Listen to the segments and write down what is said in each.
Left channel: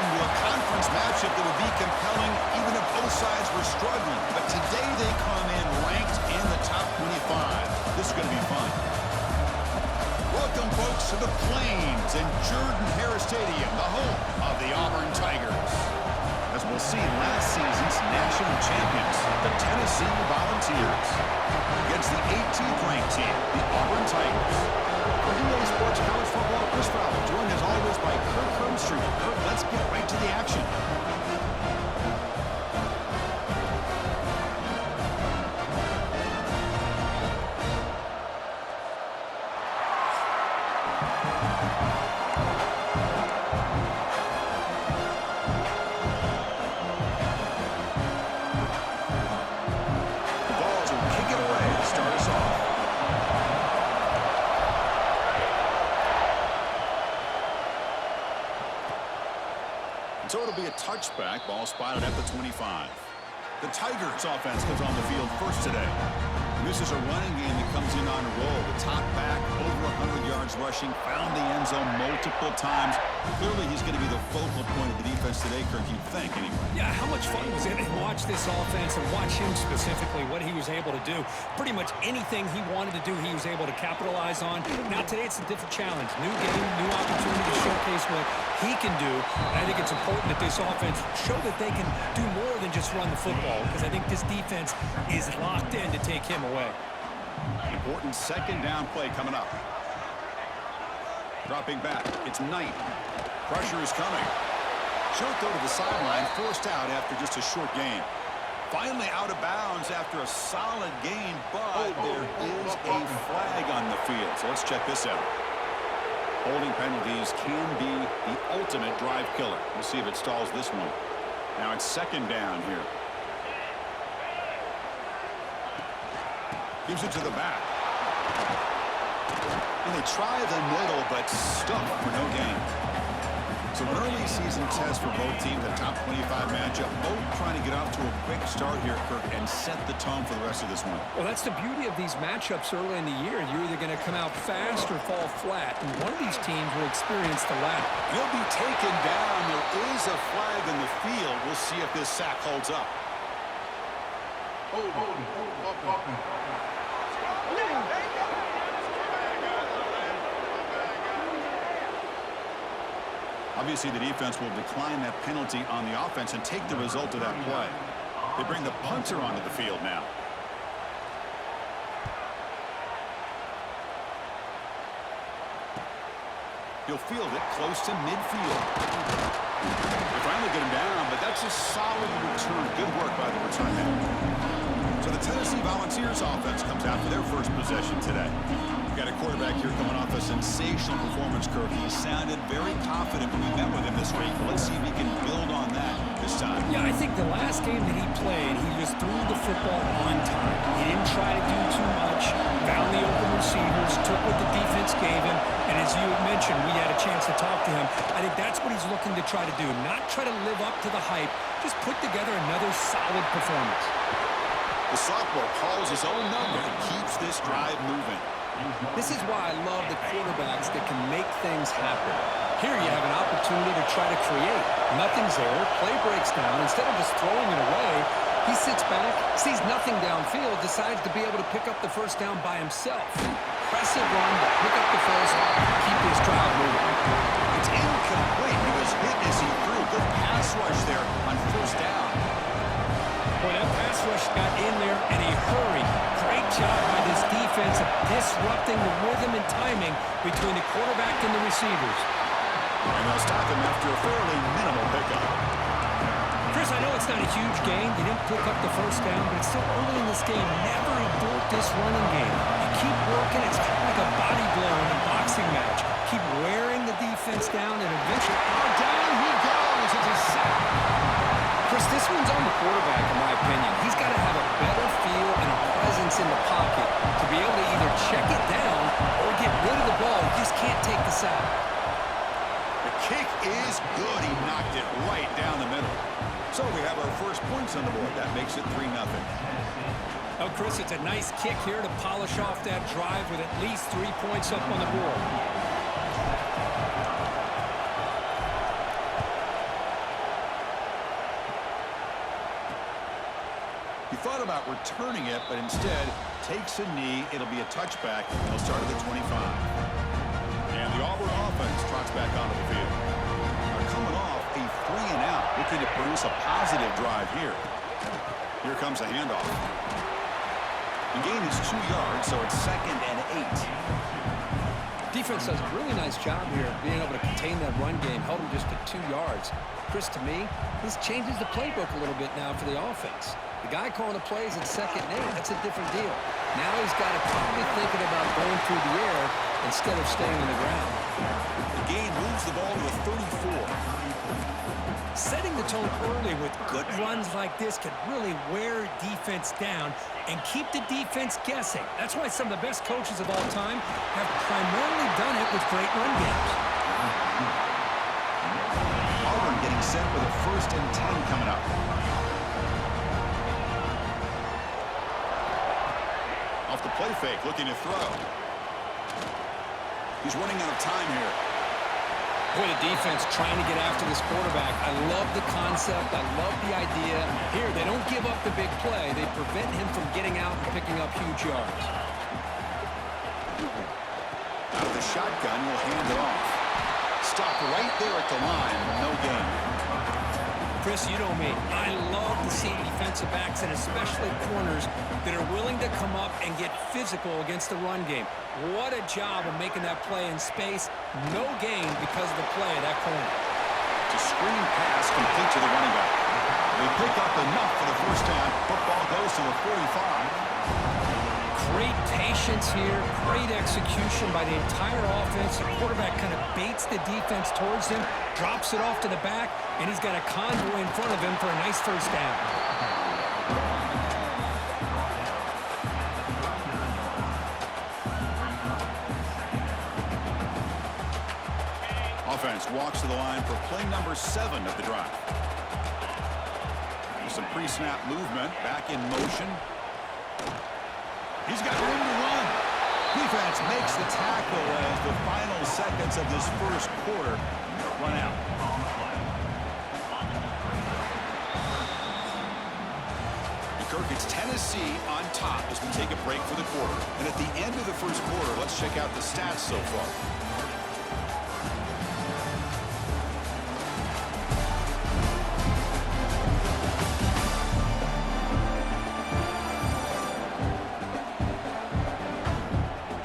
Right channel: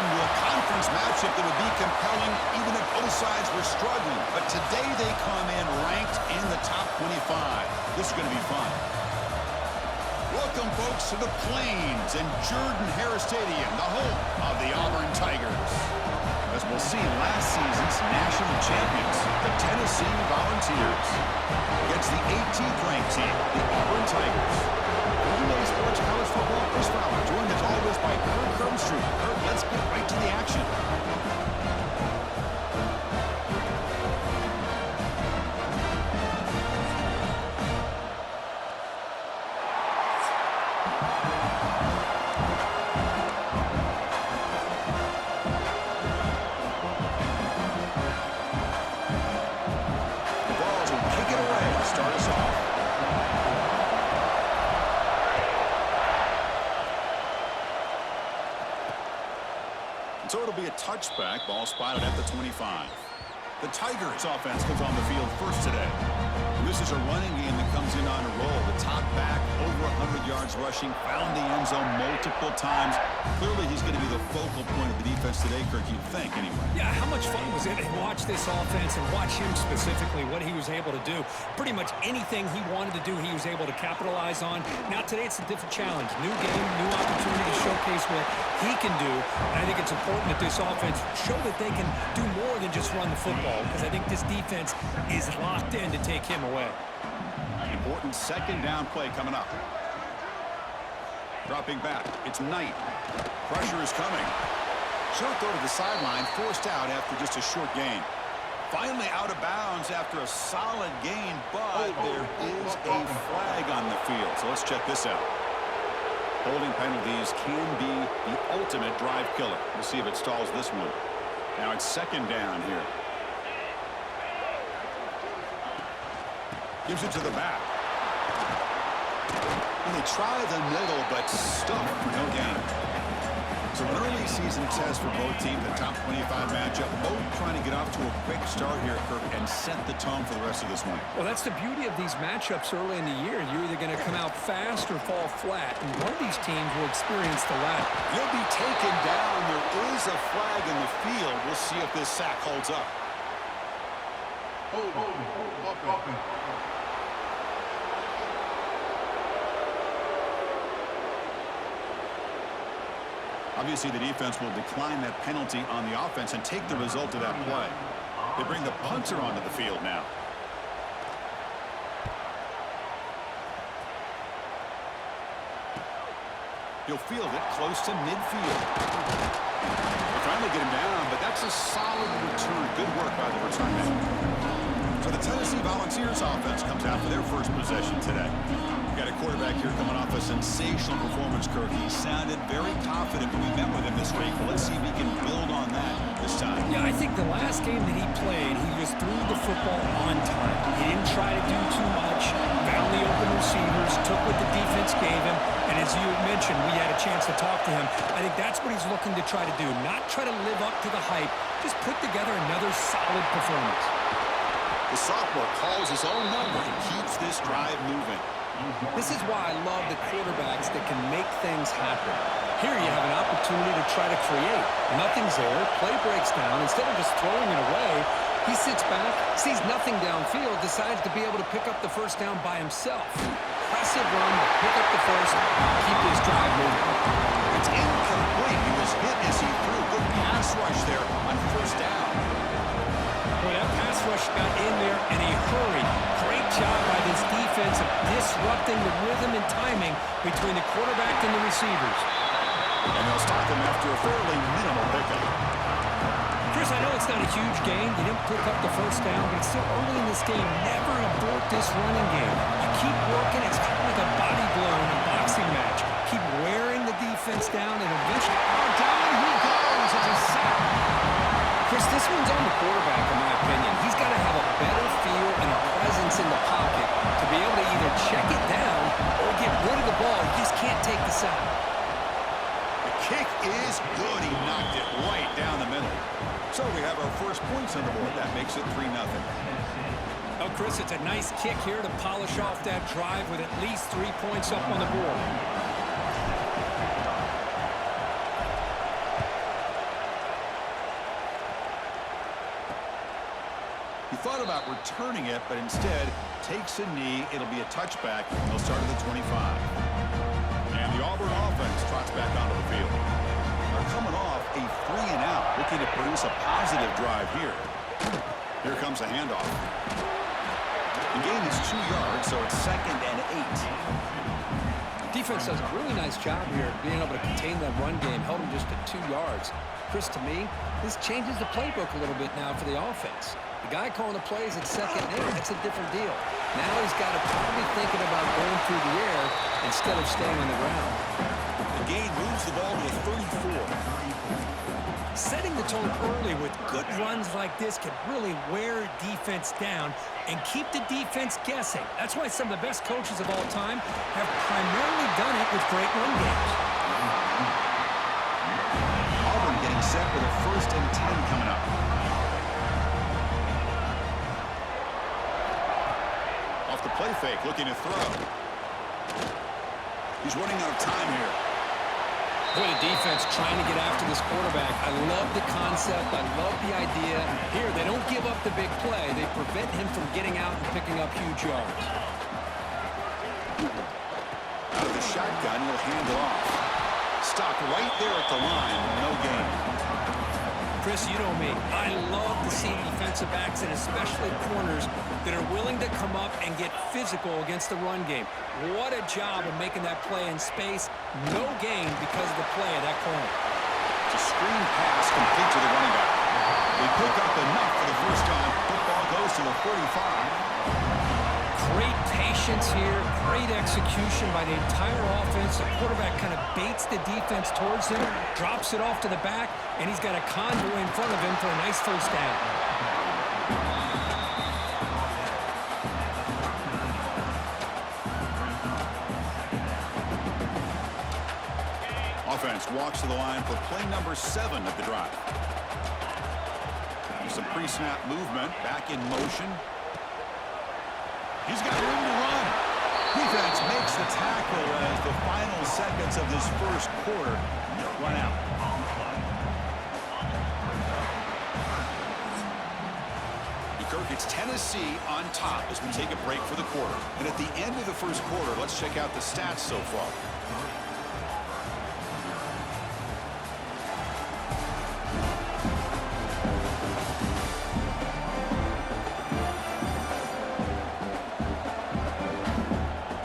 accustomed to a conference matchup that would be compelling even if both sides were struggling. But today they come in ranked in the top 25. This is going to be fun. Welcome, folks, to the Plains and Jordan-Hare Stadium, the home of the Auburn Tigers. As we'll see, last season's national champions, the Tennessee Volunteers, against the 18th ranked team, the Auburn Tigers. For EA Sports College Football, Chris Fowler, joined as always by Kirk Herbstreit. Kirk, let's get right to the action. The Vols will kick it away to start us off. So it'll be a touchback. Ball spotted at the 25. The Tigers offense comes on the field first today. And this is a running game that comes in on a roll. The top back, over 100 yards rushing, found the end zone multiple times. Clearly, he's going to be the focal point of the defense today, Kirk, you'd think, anyway. Yeah, how much fun was it to watch this offense and watch him specifically, what he was able to do. Pretty much anything he wanted to do, he was able to capitalize on. Now, today, it's a different challenge. New game, new opportunity to showcase what he can do. And I think it's important that this offense show that they can do more than just run the football, because I think this defense is locked in to take him away. Important second down play coming up. Dropping back, it's Knight. Pressure is coming. Short throw to the sideline, forced out after just a short gain. Finally out of bounds after a solid gain, but there is a flag on the field. So let's check this out. Holding penalties can be the ultimate drive killer. We'll see if it stalls this one. Now it's second down here. Gives it to the back. And they try the middle, but stuck for no gain. So an early season test for both teams, a top 25 matchup. Both trying to get off to a quick start here, Kirk, and set the tone for the rest of this one. Well, that's the beauty of these matchups early in the year. You're either going to come out fast or fall flat, and one of these teams will experience the latter. He'll be taken down. There is a flag in the field. We'll see if this sack holds up. Obviously, the defense will decline that penalty on the offense and take the result of that play. They bring the punter onto the field now. He'll field it close to midfield. They finally get him down, but that's a solid return. Good work by the return man. So the Tennessee Volunteers offense comes out for their first possession today. We've got a quarterback here coming off a sensational performance, Kirk. He sounded very confident when we met with him this week. But let's see if he can build on that this time. Yeah, I think the last game that he played, he just threw the football on time. He didn't try to do too much, found the open receivers, took what the defense gave him, and as you mentioned, we had a chance to talk to him. I think that's what he's looking to try to do, not try to live up to the hype, just put together another solid performance. The sophomore calls his own number and keeps this drive moving. This is why I love the quarterbacks that can make things happen. Here you have an opportunity to try to create. Nothing's there. Play breaks down. Instead of just throwing it away, he sits back, sees nothing downfield, decides to be able to pick up the first down by himself. Impressive run to pick up the first, keep this drive moving. It's incomplete. He was hit as he threw. Good pass rush there on first down. Boy, that pass rush got in there in a hurry. Great job by this defense of disrupting the rhythm and timing between the quarterback and the receivers. And they'll stop him after a fairly minimal pickup. Chris, I know it's not a huge gain. You didn't pick up the first down, but it's still early in this game. Never abort this running game. You keep working. It's kind of like a body blow in a boxing match. Keep wearing the defense down, and eventually, down he goes. It's a sack. Chris, this one's on the quarterback, in my opinion. He's got to have a better feel and a presence in the pocket to be able to either check it down or get rid of the ball. He just can't take the sack. The kick is good. He knocked it right down the middle. So we have our first points on the board. That makes it 3-0. Oh, Chris, it's a nice kick here to polish off that drive with at least 3 points up on the board. thought about returning it, but instead takes a knee. It'll be a touchback. He'll start at the 25. And the Auburn offense trots back onto the field. They're coming off a 3-and-out, looking to produce a positive drive here. Here comes a handoff. The gain is 2 yards, so it's 2nd and 8. Defense does a really nice job here being able to contain that run game, held them just at 2 yards. Chris, to me, this changes the playbook a little bit now for the offense. The guy calling the plays at 2nd and 8, that's a different deal. Now he's got to probably thinking about going through the air instead of staying on the ground. The gain moves the ball to the 34. Setting the tone early with good runs like this can really wear defense down and keep the defense guessing. That's why some of the best coaches of all time have primarily done it with great run games. Auburn getting set with a 1st and 10 coming up. Off the play fake, looking to throw. He's running out of time here. Boy, the defense trying to get after this quarterback. I love the concept. I love the idea. Here, they don't give up the big play. They prevent him from getting out and picking up huge yards. Out of the shotgun, he'll hand it off. Stopped right there at the line. No gain. Chris, you know me. I love to see defensive backs and especially corners that are willing to come up and get physical against the run game. What a job of making that play in space. No gain because of the play of that corner. It's a screen pass complete to the running back. They pick up enough for the first down. Football goes to the 45. Great patience here, great execution by the entire offense. The quarterback kind of baits the defense towards him, drops it off to the back, and he's got a convoy in front of him for a nice first down. Offense walks to the line for play number 7 of the drive. There's some pre-snap movement, back in motion. He's got room to run. Defense makes the tackle as the final seconds of this first quarter run out. Kirk, it's Tennessee on top as we take a break for the quarter. And at the end of the first quarter, let's check out the stats so far.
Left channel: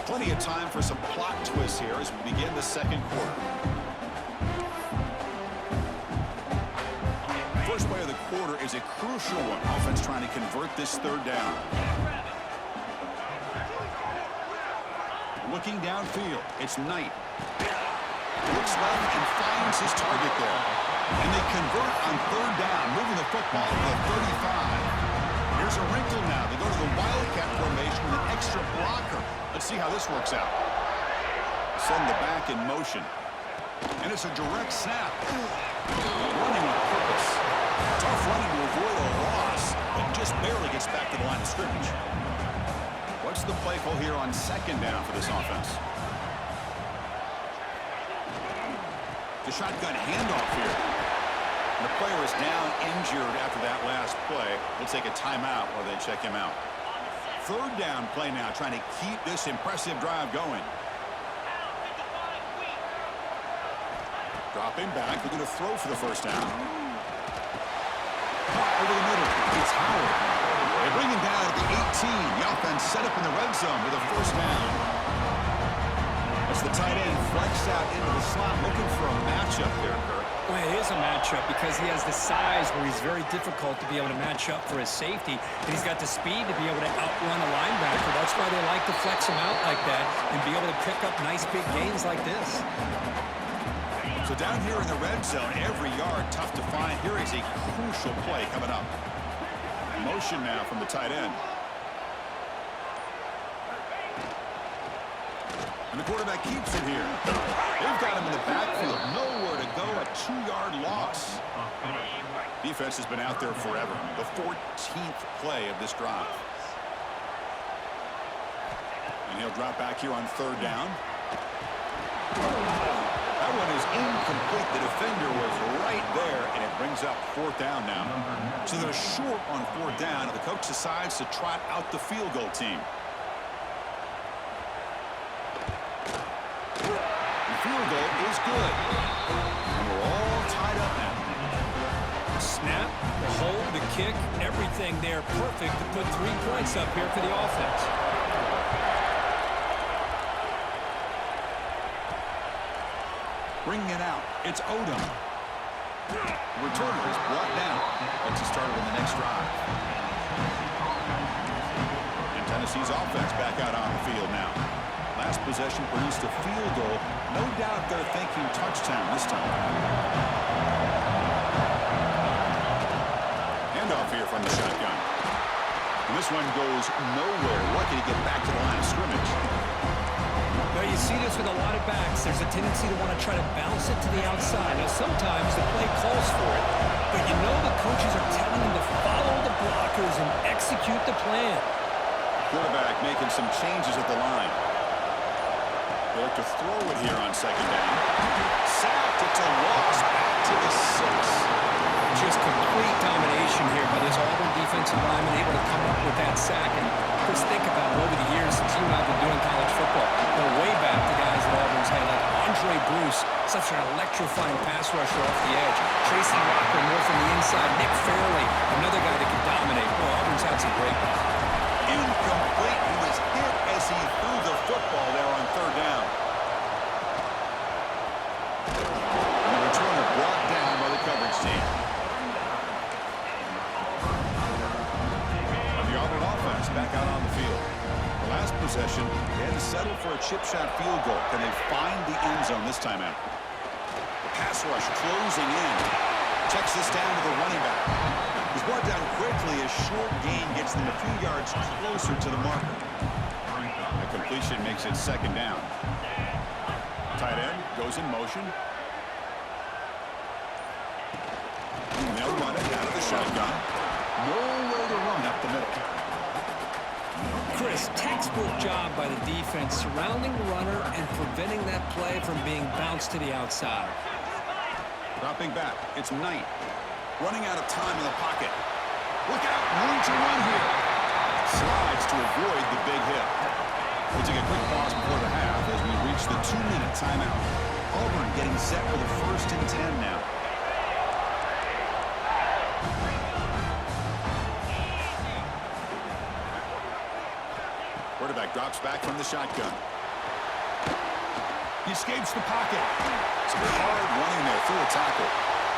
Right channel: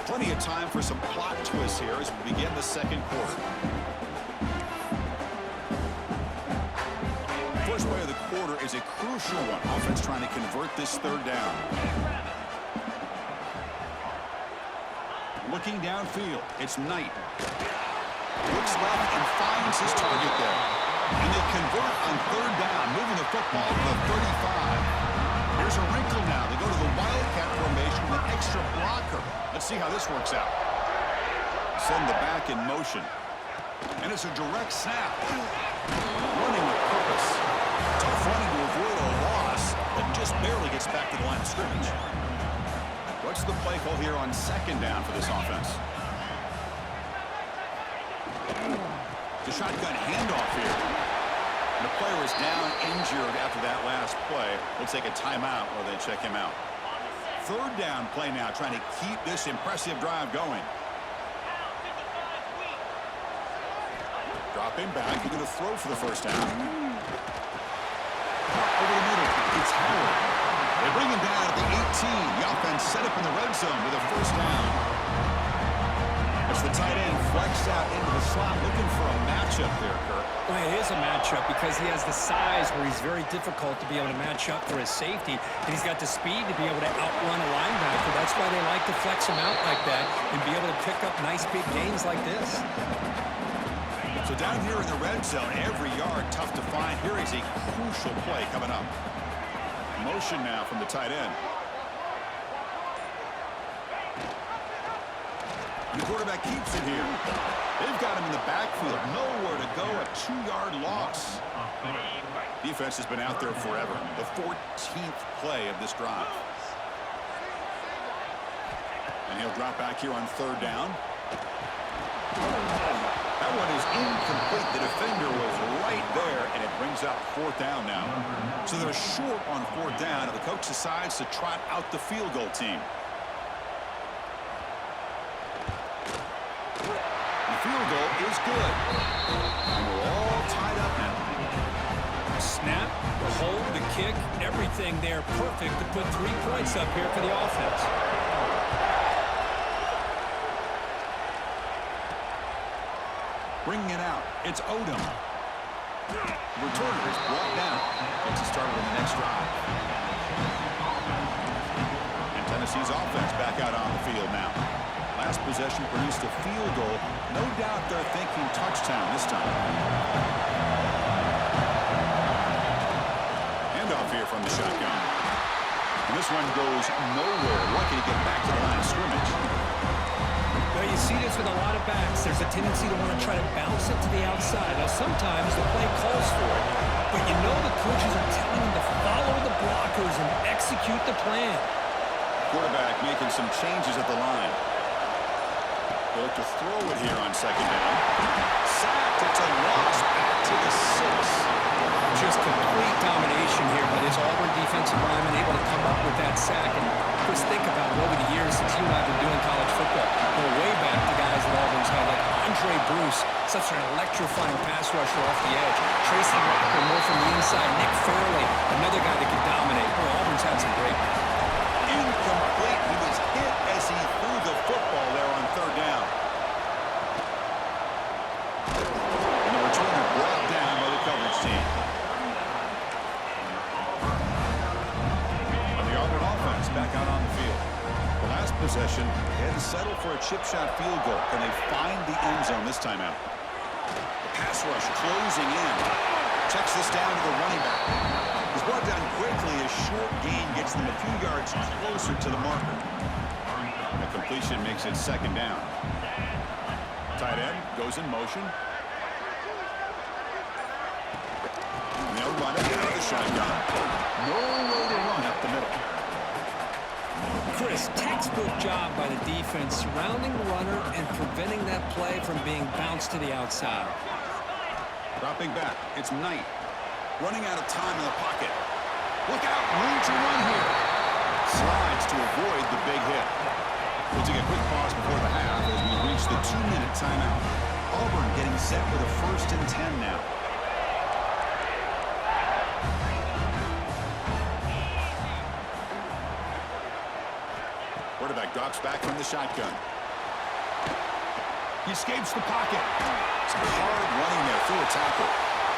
Plenty of time for some plot twists here as we begin the second quarter. First play of the quarter is a crucial one. Offense trying to convert this 3rd down. Looking downfield, it's Knight. Looks left and finds his target there. And they convert on 3rd down, moving the football to the 35. Here's a wrinkle now. They go to the Wildcat formation with an extra blocker. Let's see how this works out. Send the back in motion. And it's a direct snap. Running with purpose. Tough running to avoid a loss, but just barely gets back to the line of scrimmage. What's the play call here on 2nd down for this offense? The shotgun handoff here. And the player is down injured after that last play. We'll take a timeout while they check him out. 3rd down play now, trying to keep this impressive drive going. Dropping back, looking to throw for the first down. Caught over the middle, it's Howard. They bring him down at the 18. The offense set up in the red zone with a first down. As the tight end flexed out into the slot, looking for a matchup there, Kirk. Well, it is a matchup because he has the size where he's very difficult to be able to match up for his safety, and he's got the speed to be able to outrun a linebacker. That's why they like to flex him out like that and be able to pick up nice big gains like this. So down here in the red zone, every yard tough to find. Here is a crucial play coming up. Motion now from the tight end. And the quarterback keeps it here. They've got him in the backfield. Nowhere to go. A 2-yard loss. Defense has been out there forever. The 14th play of this drive. And he'll drop back here on 3rd down. That one is incomplete. The defender was right there, and it brings up fourth down now. So they're short on fourth down, and the coach decides to trot out the field goal team. The field goal is good. And we're all tied up now. Snap, the hold, the kick, everything there perfect to put 3 points up here for the offense. Bringing it out, it's Odom. Returner is brought down. Gets us started on the next drive. And Tennessee's offense back out on the field now. Last possession produced a field goal. No doubt they're thinking touchdown this time. Handoff here from the shotgun. And this one goes nowhere. Lucky to get back to the line of scrimmage. Well, you see this with a lot of backs. There's a tendency to want to try to bounce it to the outside. Now, sometimes the play calls for it, but you know the coaches are telling them to follow the blockers and execute the plan. Quarterback making some changes at the line. They look to throw it here on second down. Sacked. It's a loss back to the 6. Just complete domination here by this Auburn defensive lineman, able to come up with that sack. And Chris, think about it, over the years since you and I have been doing college football, go way back to guys that Auburn's had, like Andre Bruce, such an electrifying pass rusher off the edge. Tracy Rocker, more from the inside. Nick Fairley, another guy that can dominate. Boy, Auburn's had some great ones. Incomplete. He was hit as he threw the football there on third down. And the returner brought down by the coverage team. Auburn offense back out on the field. The last possession, they had to settle for a chip shot field goal. Can they find the end zone this time out? The pass rush closing in. Checks this down to the running back. He's brought down quickly. A short gain gets them a few yards closer to the marker. The completion makes it second down. Tight end goes in motion. And they'll run it out of the shotgun. No way to run up the middle. Chris, textbook job by the defense surrounding the runner and preventing that play from being bounced to the outside. Dropping back, it's Knight. Running out of time in the pocket. Look out, room to run here. Slides to avoid the big hit. We'll take a quick pause before the half as we reach the 2-minute timeout. Auburn getting set with a 1st and 10 now. Quarterback drops back from the shotgun. He escapes the pocket. Some hard running there through a tackle.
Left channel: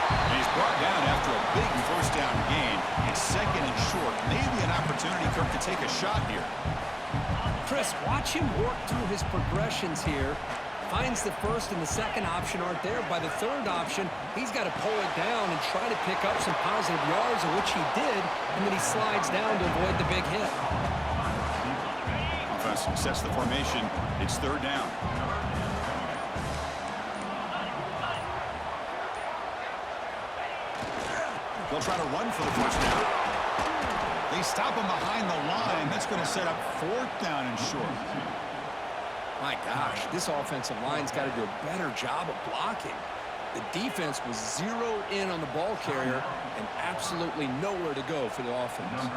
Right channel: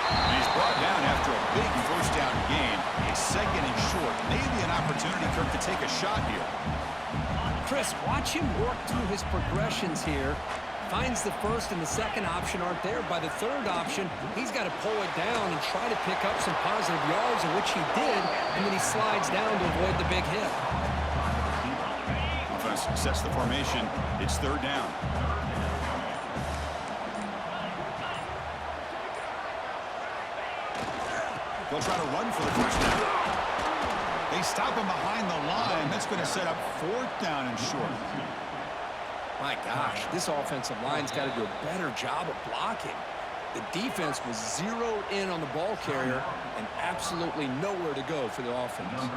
And he's brought down after a big first down gain. It's second and short. Maybe an opportunity, Kirk, to take a shot here. Chris, watch him work through his progressions here. Finds the first and the second option aren't there. By the third option, he's got to pull it down and try to pick up some positive yards, of which he did, and then he slides down to avoid the big hit. Offense sets the formation. It's third down. They'll try to run for the first down. They stop him behind the line. That's going to set up fourth down and short. My gosh, this offensive line's got to do a better job of blocking. The defense was zeroed in on the ball carrier and absolutely nowhere to go for the offense.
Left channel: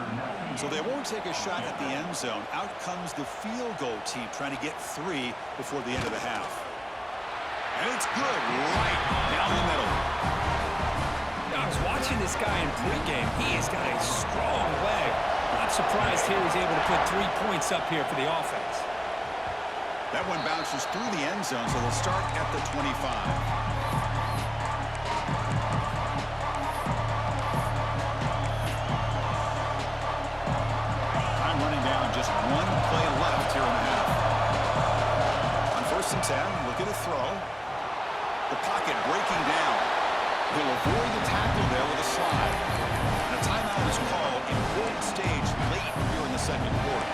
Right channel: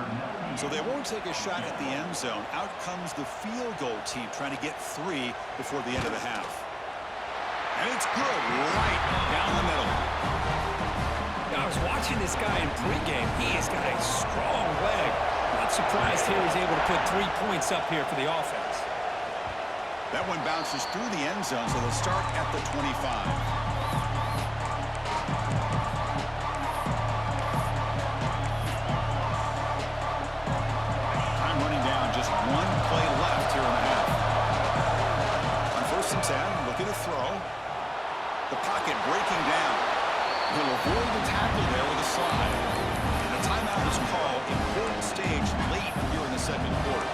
So they won't take a shot at the end zone. Out comes the field goal team trying to get 3 before the end of the half. And it's good right down the middle. Now, I was watching this guy in pregame. He has got a strong leg. Not surprised here he's able to put 3 points up here for the offense. That one bounces through the end zone, so they'll start at the 25. Running down, just 1 play left here in the half. On 1st and 10, look at a throw. The pocket breaking down. He'll avoid the tackle there with a slide. And a timeout is called. Important stage late here in the second quarter.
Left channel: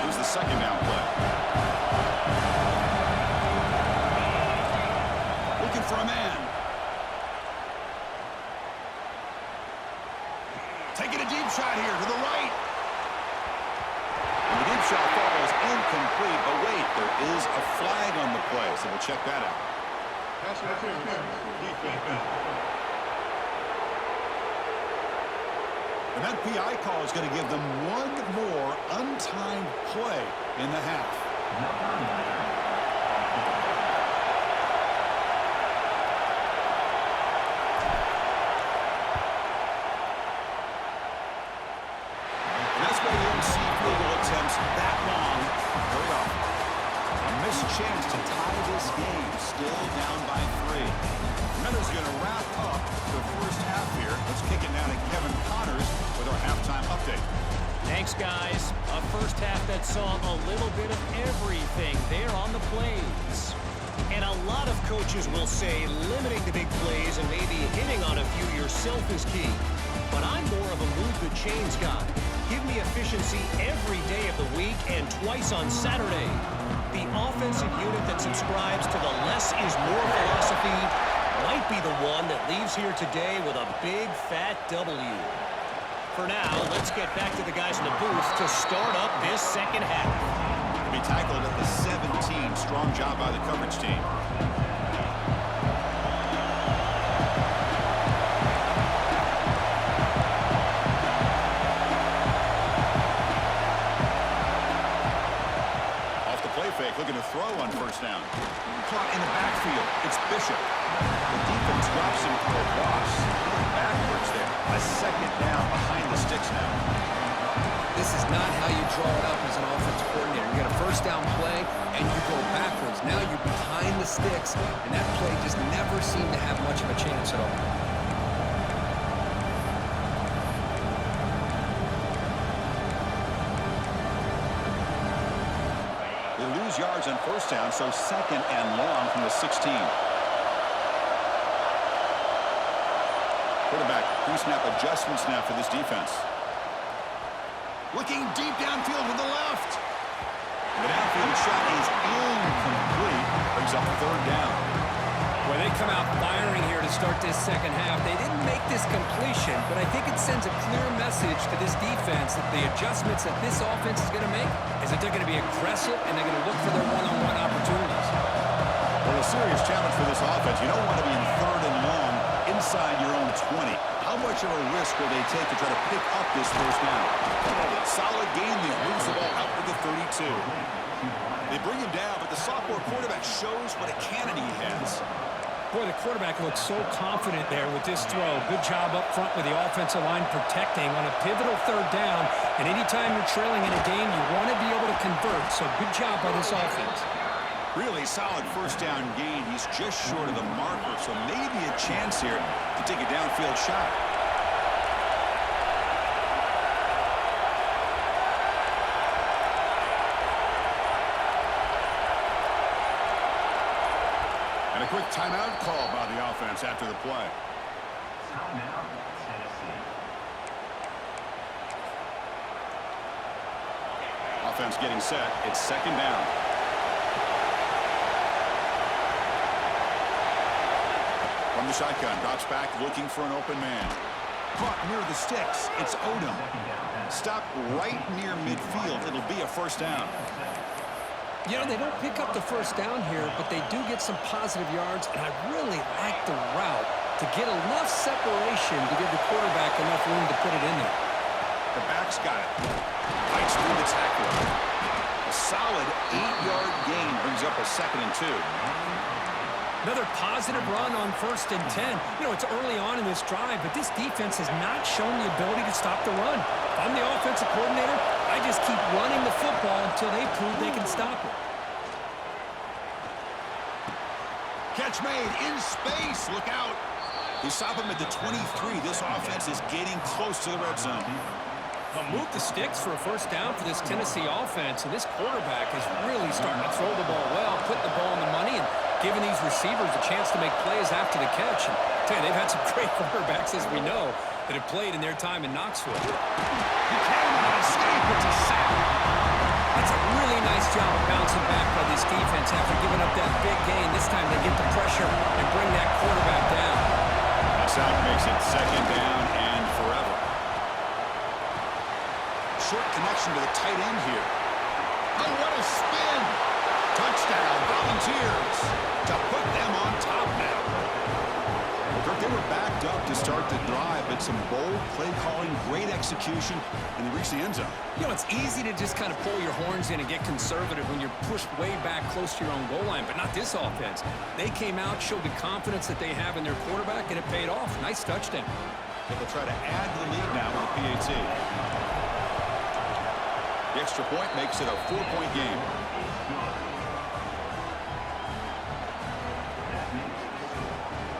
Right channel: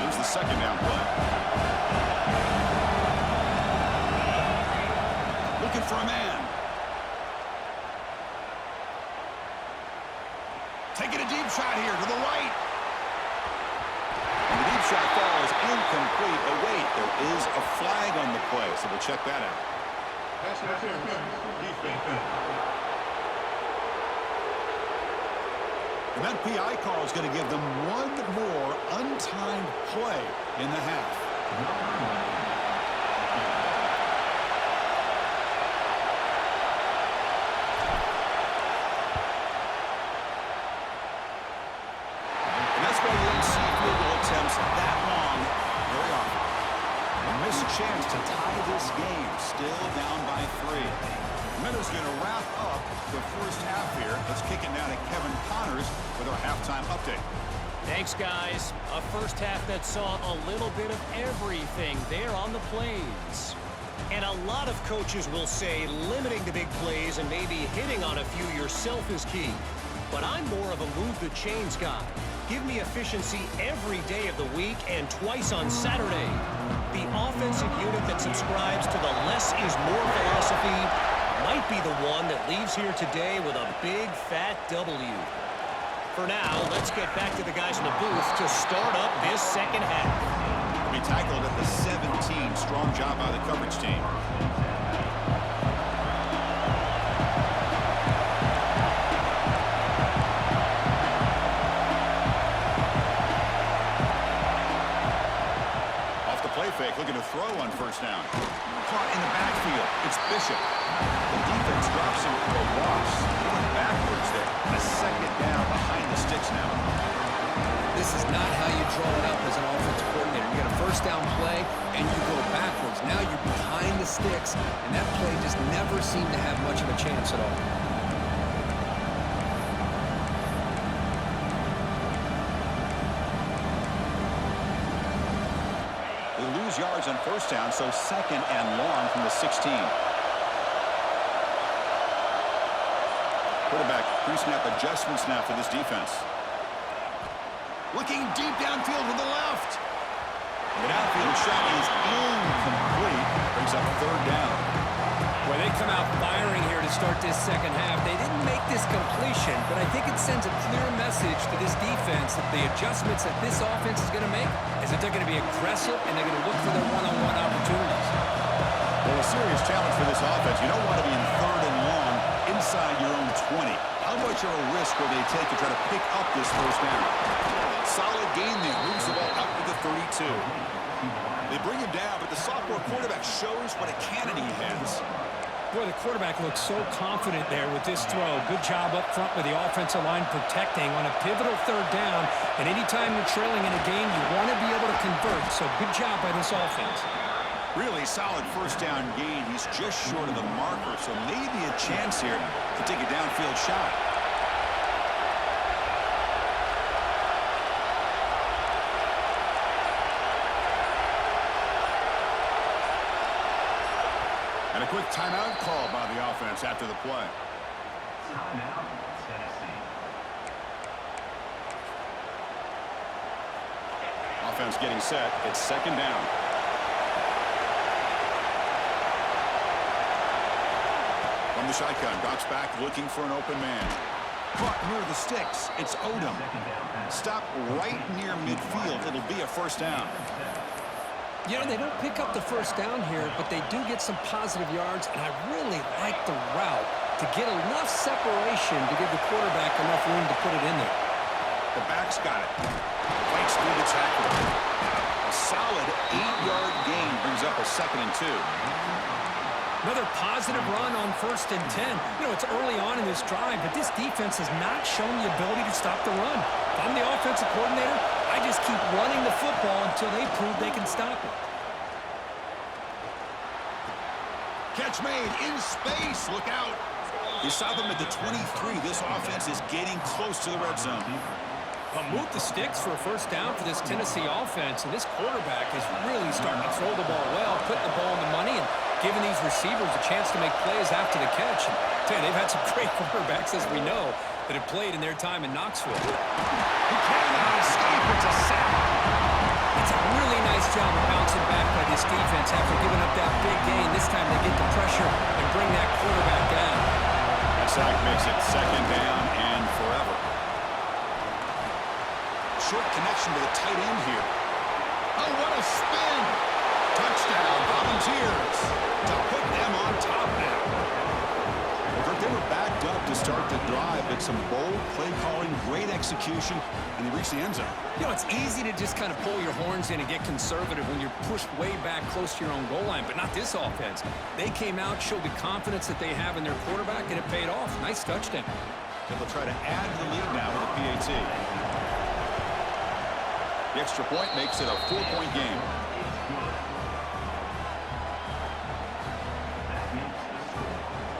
Here's the second down play. Looking for a man. Taking a deep shot here to the right. And the deep shot falls incomplete. play, so we'll check that out. Pass interference. Defense. And that PI call is going to give them one more untimed play in the half. And that's why you don't see field goal attempts that long very often. A missed chance to tie this game, still down by 3. Minnesot's going to wrap up the first half here. Let's kick it now to Kevin Connors with our halftime update. Thanks, guys. A first half that saw a little bit of everything there on the plays. And a lot of coaches will say limiting the big plays and maybe hitting on a few yourself is key. But I'm more of a move the chains guy. Give me efficiency every day of the week and twice on Saturday. The offensive unit that subscribes to the less is more philosophy might be the one that leaves here today with a big fat W. For now, let's get back to the guys in the booth to start up this second half. To be tackled at the 17. Strong job by the coverage team. Off the play fake, looking to throw on first down. Caught in the backfield. It's Bishop. The defense drops him for a loss. Going backwards there. A second down behind the sticks now. This is not how you draw it up as an offensive coordinator. You get a first down play, and you go backwards. Now you're behind the sticks, and that play just never seemed to have much of a chance at all. They lose yards on first down, so second and long from the 16. Quarterback pre-snap adjustments now for this defense. Looking deep downfield to the left. The downfield shot is incomplete. Brings up third down. Well, they come out firing here to start this second half. They didn't make this completion, but I think it sends a clear message to this defense that the adjustments that this offense is going to make is that they're going to be aggressive and they're going to look for their one-on-one opportunities. Well, a serious challenge for this offense. You don't want to be in third and long inside your own 20. How much of a risk will they take to try to pick up this first down? Solid gain there. Moves the ball out to the 32. They bring him down, but the sophomore quarterback shows what a cannon he has. Boy, the quarterback looks so confident there with this throw. Good job up front with the offensive line protecting on a pivotal third down. And anytime you're trailing in a game, you want to be able to convert. So good job by this offense. Really solid first down gain. He's just short of the marker, so maybe a chance here to take a downfield shot. And a quick timeout call by the offense after the play. Timeout, Tennessee. Offense getting set. It's second down. From the shotgun, drops back looking for an open man. Caught near the sticks. It's Odom. Stop right near midfield. It'll be a first down. You know, they don't pick up the first down here, but they do get some positive yards, and I really like the route to get enough separation to give the quarterback enough room to put it in there. The back's got it. Fights through the tackler. A solid 8-yard gain brings up a 2nd and 2. Another positive run on 1st and 10. You know, it's early on in this drive, but this defense has not shown the ability to stop the run. If I'm the offensive coordinator, I just keep running the football until they prove they can stop it. Catch made in space. Look out. They stop him at the 23. This offense is getting close to the red zone. Move the sticks for a first down for this Tennessee offense, and this quarterback is really starting to throw the ball well, putting the ball on the money, and giving these receivers a chance to make plays after the catch. And I tell you, they've had some great quarterbacks, as we know, that have played in their time in Knoxville. He cannot escape. It's a sack. That's a really nice job of bouncing back by this defense after giving up that big gain. This time they get the pressure and bring that quarterback down. That sack makes it second down and forever. Short connection to the tight end here. Oh, what a spin. Touchdown, Auburn Musketeers to put them on top now. Well, Kirk, they were backed up to start the drive, but some bold play calling, great execution, and they reached the end zone. You know, it's easy to just kind of pull your horns in and get conservative when you're pushed way back close to your own goal line, but not this offense. They came out, showed the confidence that they have in their quarterback, and it paid off. Nice touchdown. So they'll try to add to the lead now with a PAT. The extra point makes it a 4-point game.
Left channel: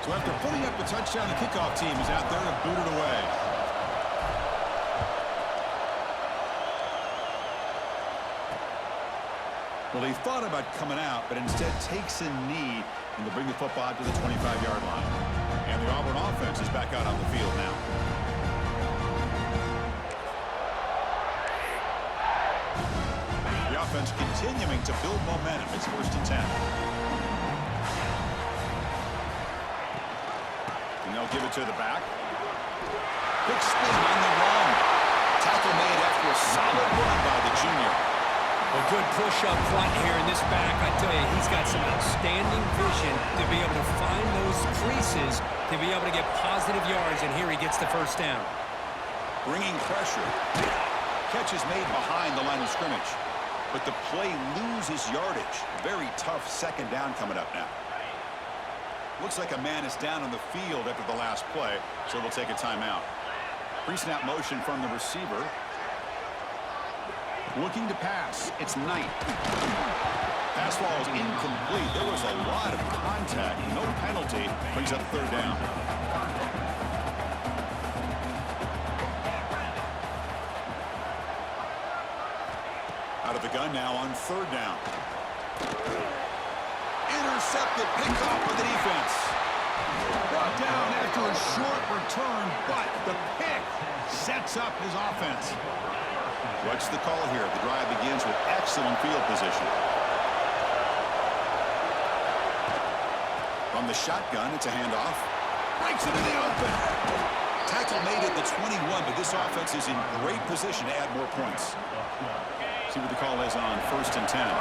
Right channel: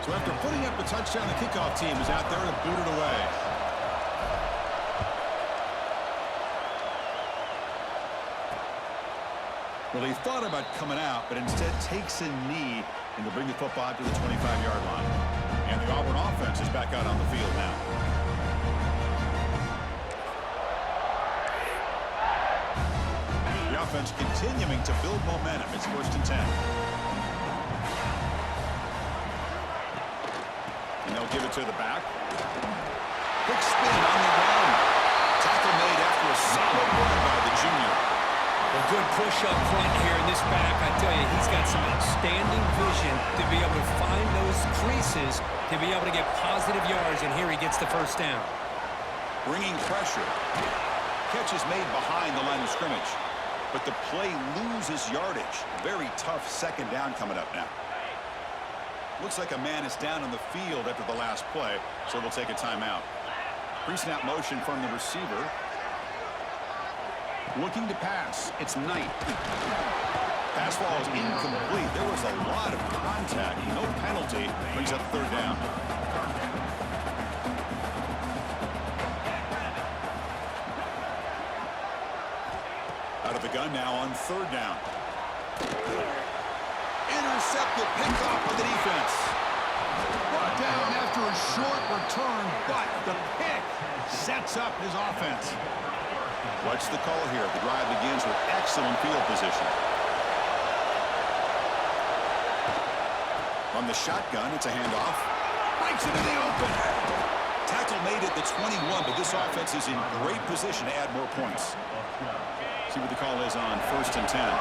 So after putting up the touchdown, the kickoff team is out there to boot it away. Well, he thought about coming out, but instead takes a knee, and they'll bring the football to the 25-yard line. And the Auburn offense is back out on the field now. The offense continuing to build momentum. It's 1st and 10. And they'll give it to the back. Quick spin on the run. Tackle made after a solid run by the junior. A good push up front here in this back. I tell you, he's got some outstanding vision to be able to find those creases, to be able to get positive yards, and here he gets the first down. Bringing pressure. Catch is made behind the line of scrimmage. But the play loses yardage. Very tough 2nd down coming up now. Looks like a man is down on the field after the last play, so they'll take a timeout. Pre-snap motion from the receiver. Looking to pass. It's Knight. Pass ball is incomplete. There was a lot of contact. No penalty. Brings up 3rd down. Out of the gun now on 3rd down. Intercepted, picked off by the defense. Brought down after a short return, but the pick sets up his offense. What's the call here? The drive begins with excellent field position. From the shotgun, it's a handoff. Breaks it in the open. Tackle made at the 21, but this offense is in great position to add more points. See what the call is on 1st and 10.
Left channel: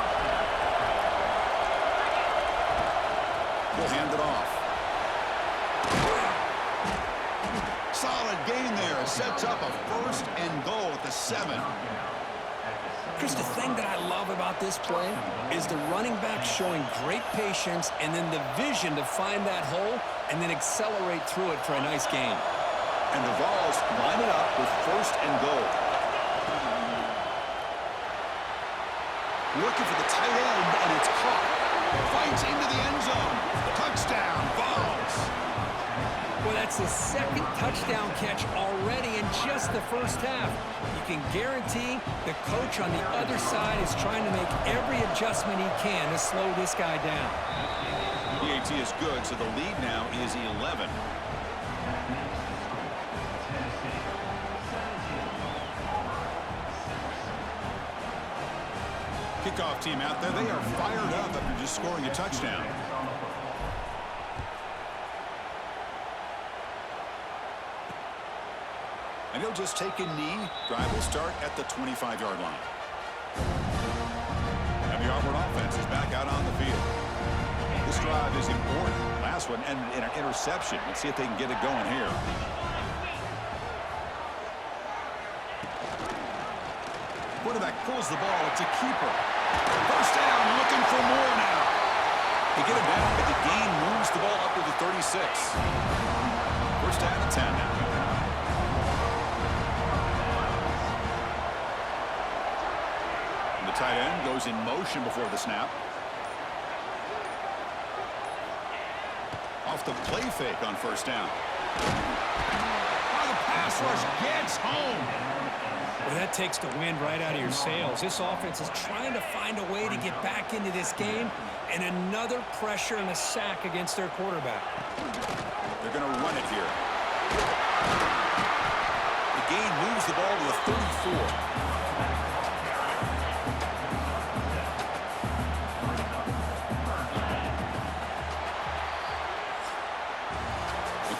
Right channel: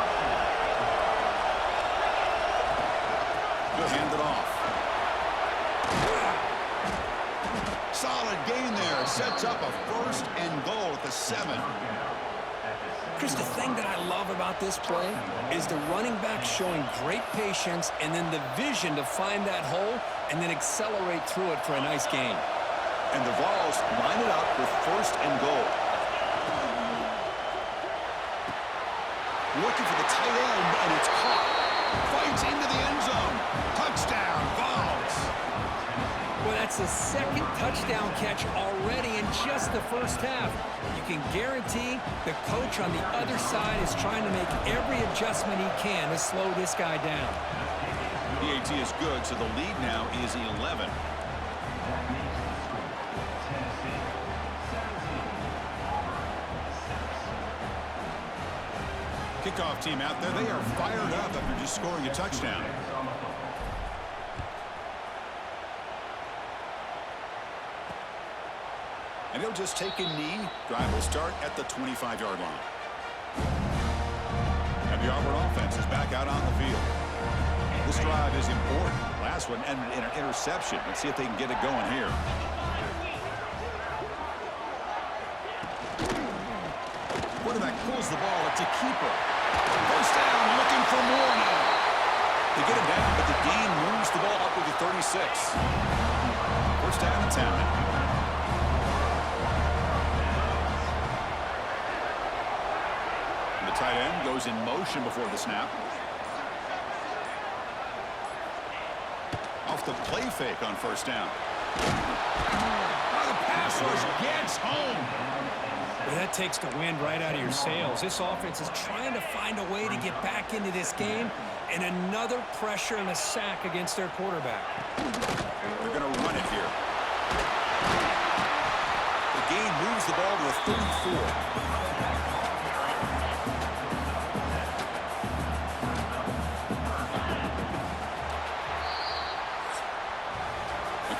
He'll hand it off. Solid gain there. It sets up a 1st and goal at the 7. Chris, the thing that I love about this play is the running back showing great patience and then the vision to find that hole and then accelerate through it for a nice gain. And the Vols line it up with 1st and goal. Looking for the tight end, and it's caught. Fights into the end zone. Touchdown, Vols. Well, that's the 2nd touchdown catch already in just the first half. You can guarantee the coach on the other side is trying to make every adjustment he can to slow this guy down. PAT is good, so the lead now is 11. Kickoff team out there. They are fired up after just scoring a touchdown. And he'll just take a knee. Drive will start at the 25-yard line. And the Auburn offense is back out on the field. This drive is important. Last one ended in an interception. Let's see if they can get it going here. Quarterback pulls the ball. It's a keeper. 1st down, looking for more now. They get him down, but the gain moves the ball up to the 36. 1st down and 10 now. The tight end goes in motion before the snap. Off the play fake on 1st down. Oh, the pass rush gets home. Well, that takes the wind right out of your sails. This offense is trying to find a way to get back into this game, and another pressure and a sack against their quarterback. They're going to run it here. The gain moves the ball to the 34.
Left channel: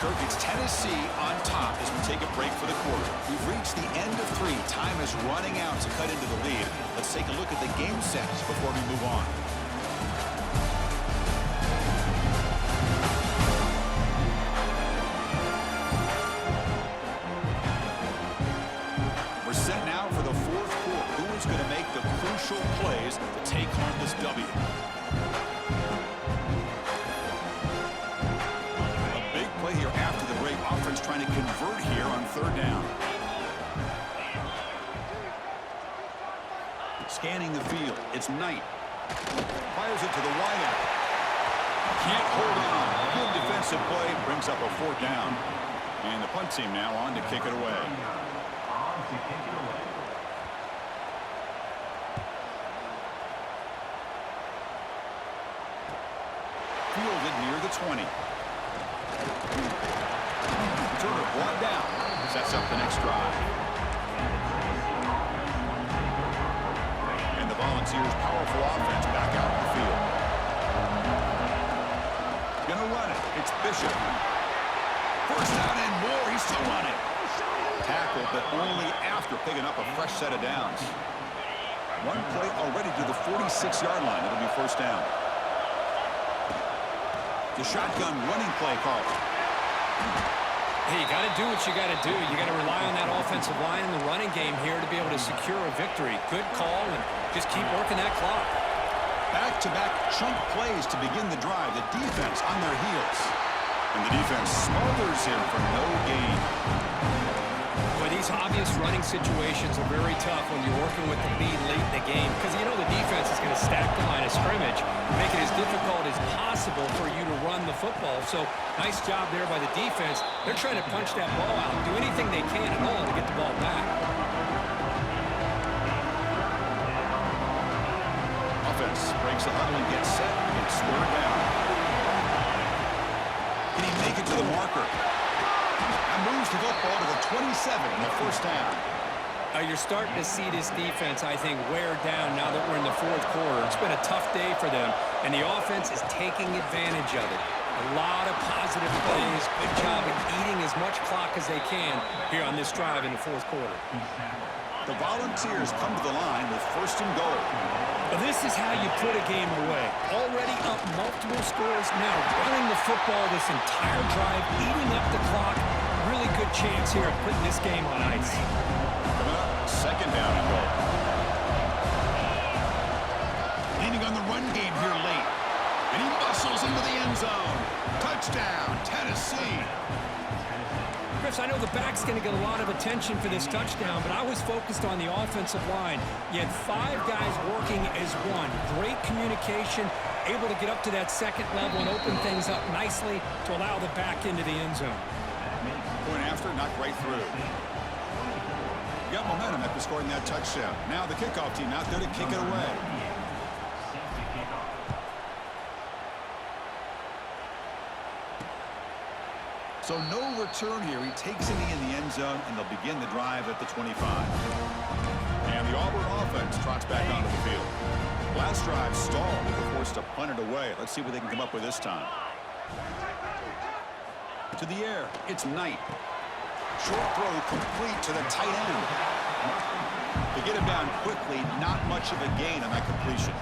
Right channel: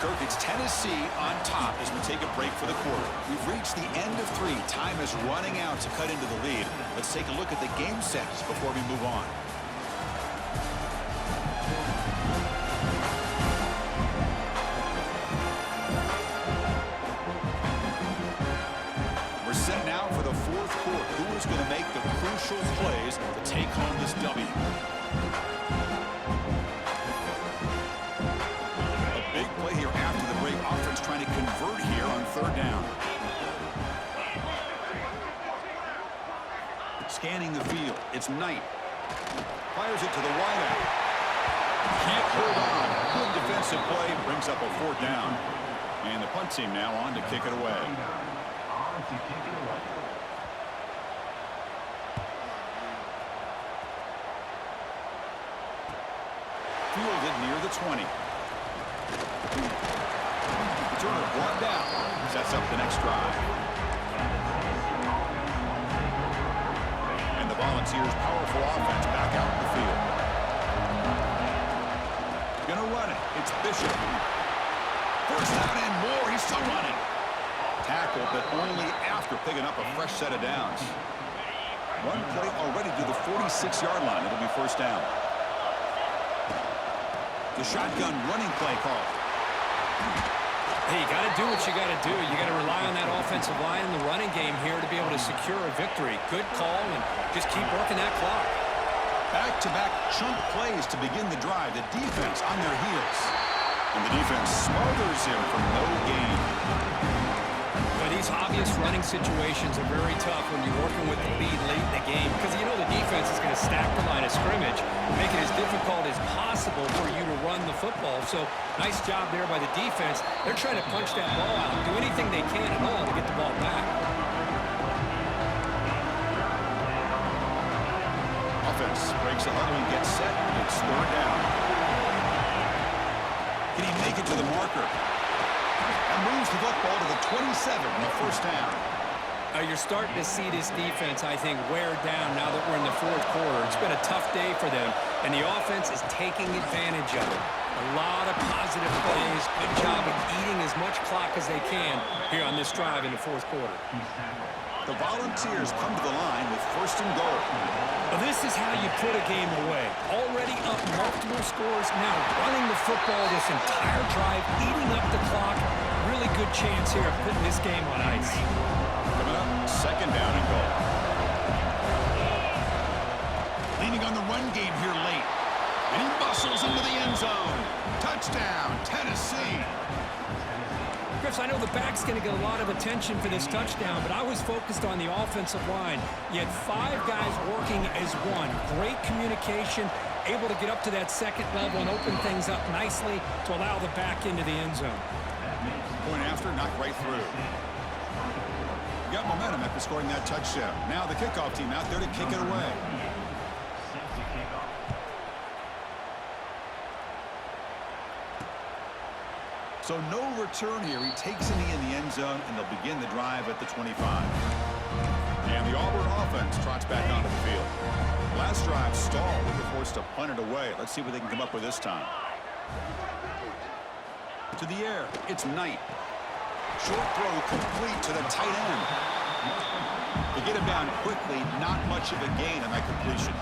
Kirk, it's Tennessee on top as we take a break for the quarter. We've reached the end of 3. Time is running out to cut into the lead. Let's take a look at the game sets before we move on. fourth quarter. Who is going to make the crucial plays to take home this W? A big play here after the break. Offense trying to convert here on third down. Scanning the field. It's Knight. Fires it to the wideout. Can't hold on. Good defensive play. Brings up a fourth down. And the punt team now on to kick it away. Fielded near the 20. Turner brought down. Sets up the next drive. And the Volunteers' powerful offense back out in the field. Gonna run it. It's Bishop. First down and more. He's still running. Tackle, but only after picking up a fresh set of downs. One play already to the 46-yard line. It'll be first down. The shotgun running play call. Hey, you got to do what you got to do. You got to rely on that offensive line in the running game here to be able to secure a victory. Good call, and just keep working that clock. Back-to-back chunk plays to begin the drive. The defense on their heels. And the defense smothers him for no gain. But these obvious running situations are very tough when you're working with the lead late in the game, because you know the defense is going to stack the line of scrimmage, make it as difficult as possible for you to run the football. So nice job there by the defense. They're trying to punch that ball out, do anything they can at all to get the ball back. Offense breaks the huddle and gets set. It's third down. Can he make it to the marker? And moves the football to the 27 and a first down. You're starting to see this defense, I think, wear down now that we're in the fourth quarter. It's been a tough day for them, and the offense is taking advantage of it. A lot of positive plays. Good job of eating as much clock as they can here on this drive in the fourth quarter. The Volunteers come to the line with first and goal. Well, this is how you put a game away. Already up multiple scores, now running the football this entire drive, eating up the clock. Really good chance here of putting this game on ice. Coming up, second down and goal. Leaning on the run game here late. And he muscles into the end zone. Touchdown, Tennessee. Chris, I know the back's going to get a lot of attention for this touchdown, but I was focused on the offensive line. You had 5 guys working as one. Great communication, able to get up to that second level and open things up nicely to allow the back into the end zone. Point after, knocked right through. Got momentum after scoring that touchdown. Now the kickoff team out there to kick it away. So no return here. He takes it in the end zone, and they'll begin the drive at the 25. And the Auburn offense trots back onto the field. Last drive stalled. They were forced to punt it away. Let's see what they can come up with this time. To the air. It's Knight. Short throw complete to the tight end. They get him down quickly. Not much of a gain on that completion.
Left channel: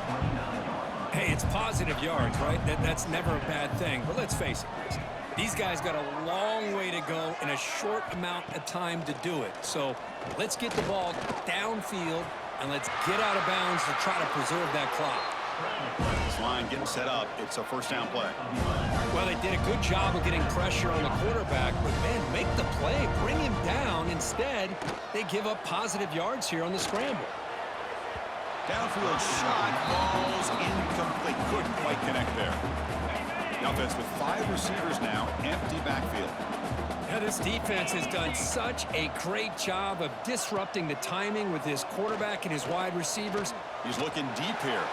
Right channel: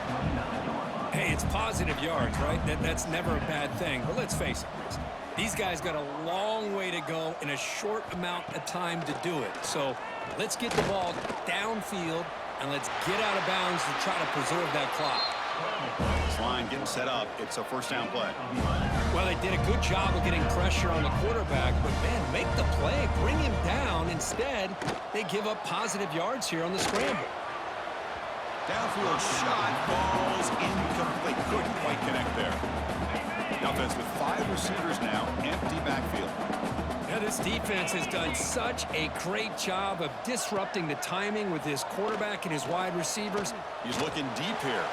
Hey, it's positive yards, right? That's never a bad thing. But let's face it, Chris. These guys got a long way to go in a short amount of time to do it. So let's get the ball downfield and let's get out of bounds to try to preserve that clock. This line getting set up. It's a first down play. Well, they did a good job of getting pressure on the quarterback, but man, make the play, bring him down. Instead, they give up positive yards here on the scramble. Downfield shot, falls incomplete. Couldn't quite connect there. The offense with 5 receivers now, empty backfield. Yeah, this defense has done such a great job of disrupting the timing with his quarterback and his wide receivers. He's looking deep here.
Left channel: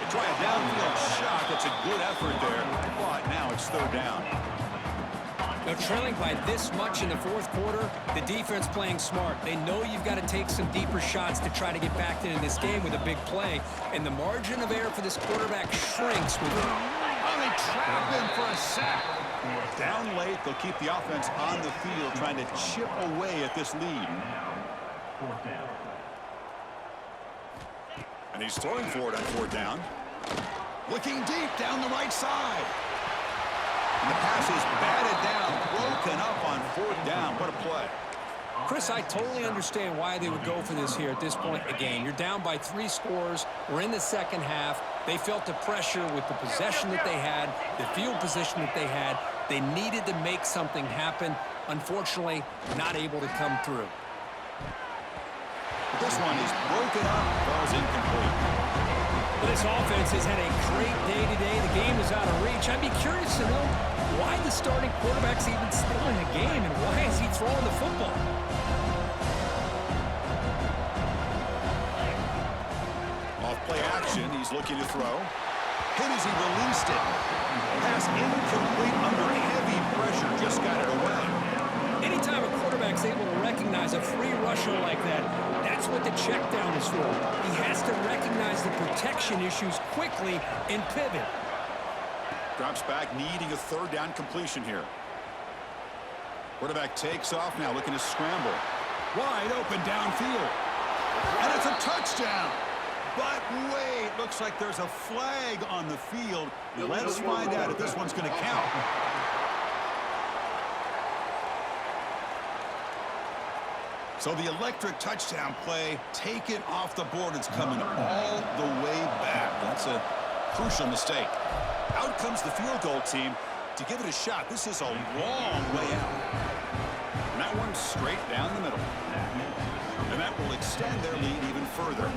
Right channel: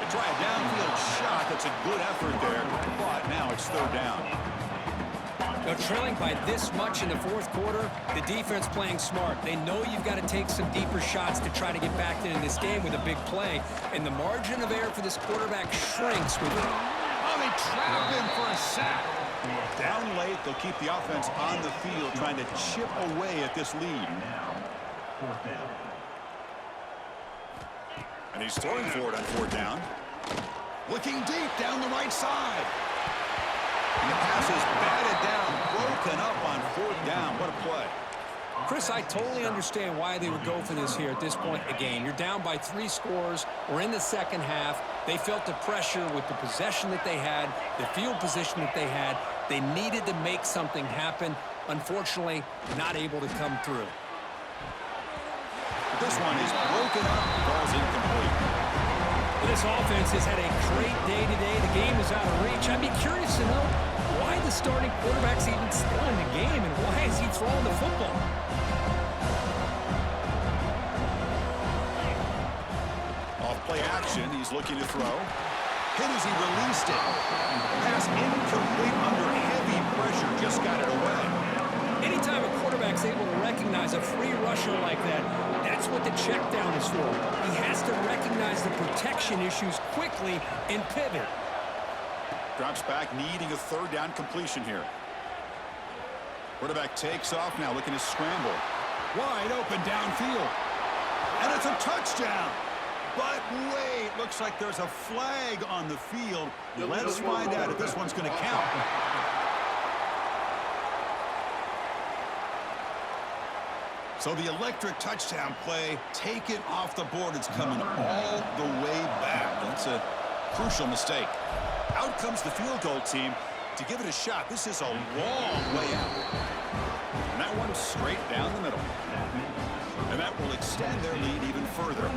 They try a downfield shot. That's a good effort there, but now it's third down. Now, trailing by this much in the fourth quarter, the defense playing smart. They know you've got to take some deeper shots to try to get back into this game with a big play. And the margin of error for this quarterback shrinks with it. Oh, they trap him for a sack. Down late, they'll keep the offense on the field trying to chip away at this lead. Fourth down. And he's throwing for it on fourth down. Looking deep down the right side. And the pass is batted down, broken up on fourth down. What a play. Chris, I totally understand why they would go for this here at this point in the game. You're down by 3 scores. We're in the second half. They felt the pressure with the possession that they had, the field position that they had. They needed to make something happen. Unfortunately, not able to come through. This one is broken up, ball's incomplete. Well, this offense has had a great day today. The game is out of reach. I'd be curious to know why the starting quarterback's even still in the game and why is he throwing the football? Off play action, he's looking to throw. Hit as he released it. Pass incomplete under heavy pressure, just got it away. Anytime a quarterback's able to recognize a free rusher like that, that's what the check down is for. He has to recognize the protection issues quickly and pivot. Drops back, needing a third down completion here. Quarterback takes off now, looking to scramble. Wide open downfield. And it's a touchdown. But wait, looks like there's a flag on the field. Let's find out if this one's going to count. So the electric touchdown play taken off the board. It's coming all the way back. That's a crucial mistake. Out comes the field goal team to give it a shot. This is a long way out. And that one's straight down the middle. And that will extend their lead even further.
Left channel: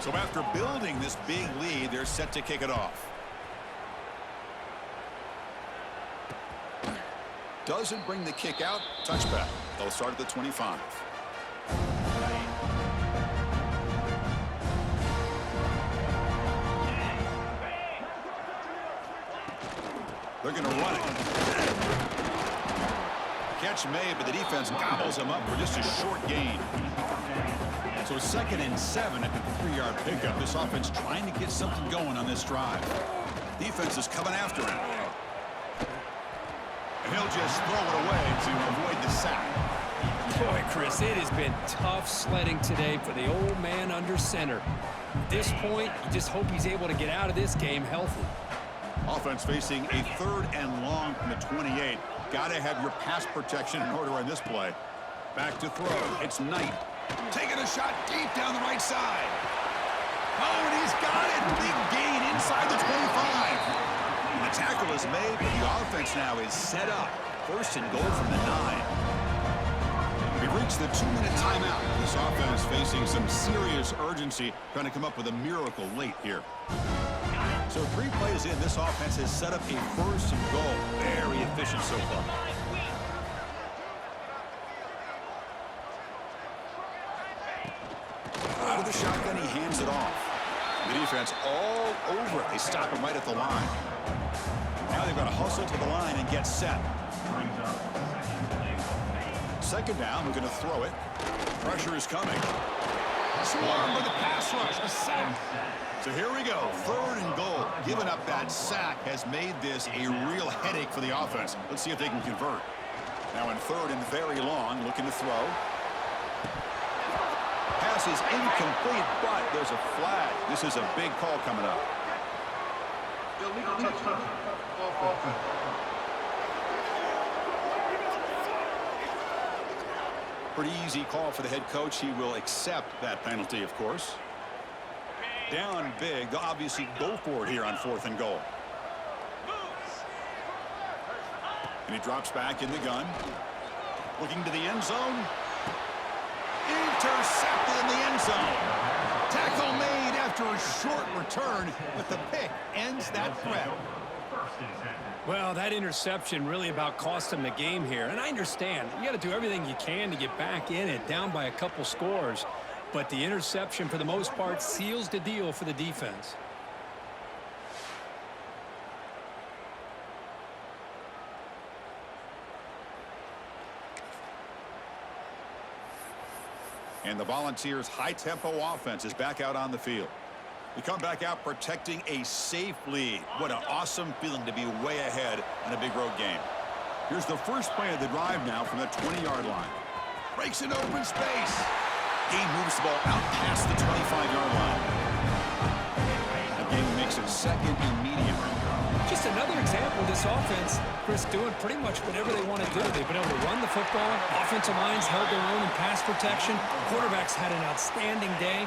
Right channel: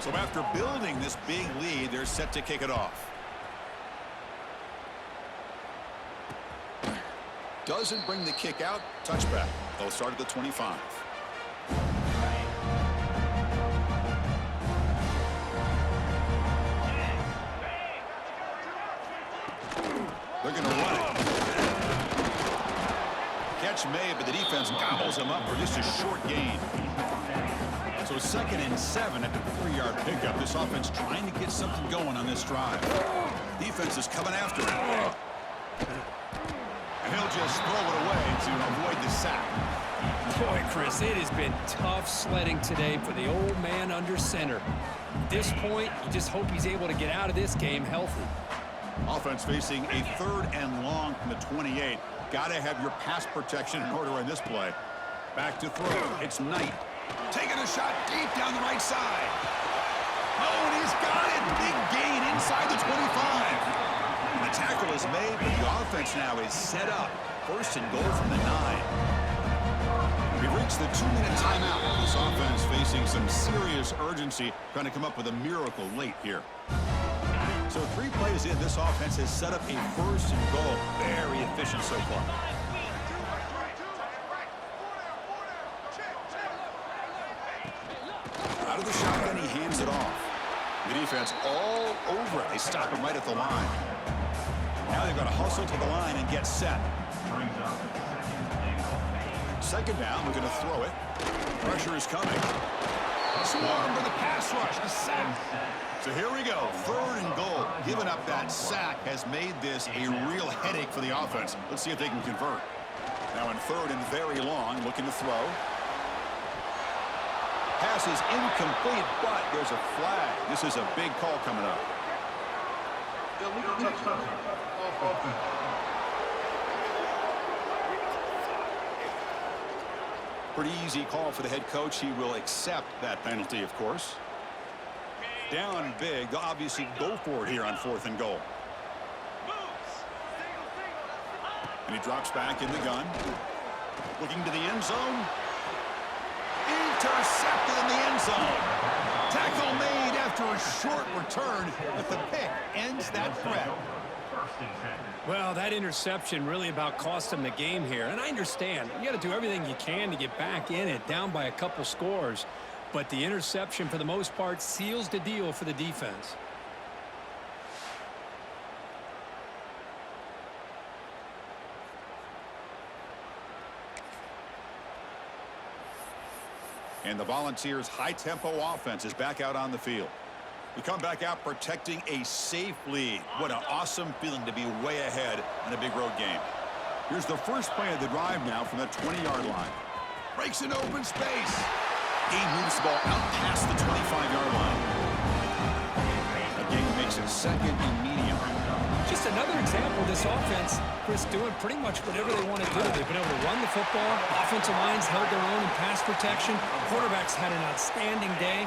So after building this big lead, they're set to kick it off. Doesn't bring the kick out. Touchback. They'll start at the 25. They're going to run it. Catch made, but the defense gobbles him up for just a short gain. So 2nd and 7 at the 3-yard pickup. This offense trying to get something going on this drive. Defense is coming after him. And he'll just throw it away to avoid the sack. Boy, Chris, it has been tough sledding today for the old man under center. At this point, you just hope he's able to get out of this game healthy. Offense facing a 3rd and long from the 28. Got to have your pass protection in order on this play. Back to throw. It's Knight. Taking a shot deep down the right side. Oh, and he's got it. Big gain inside the 25. The tackle is made, but the offense now is set up. 1st and goal from the 9. We've reached the 2-minute timeout. This offense facing some serious urgency, trying to come up with a miracle late here. So 3 plays in, this offense has set up a 1st and goal. Very efficient so far. Out of the shotgun, he hands it off. The defense all over it. They stop him right at the line. Now they've got to hustle to the line and get set. 2nd down, we're going to throw it. Pressure is coming. Swarm with a pass rush, a sack. So here we go, 3rd and goal. Giving up that sack has made this a real headache for the offense. Let's see if they can convert. Now in 3rd and very long, looking to throw. Pass is incomplete, but there's a flag. This is a big call coming up. Pretty easy call for the head coach. He will accept that penalty, of course. Down big. They'll obviously go for it here on 4th and goal. And he drops back in the gun. Looking to the end zone. Intercepted in the end zone. Tackle made after a short return, but the pick ends that threat. Well, that interception really about cost him the game here. And I understand. You got to do everything you can to get back in it, down by a couple scores. But the interception, for the most part, seals the deal for the defense. And the Volunteers' high-tempo offense is back out on the field. We come back out protecting a safe lead. What an awesome feeling to be way ahead on a big road game. Here's the first play of the drive now from the 20-yard line. Breaks in open space. Gain moves the ball out past the 25-yard line. Again, makes it 2nd and medium. Just another example of this offense, Chris, doing pretty much whatever they want to do. They've been able to run the football. Offensive lines held their own in pass protection. Quarterbacks had an outstanding day.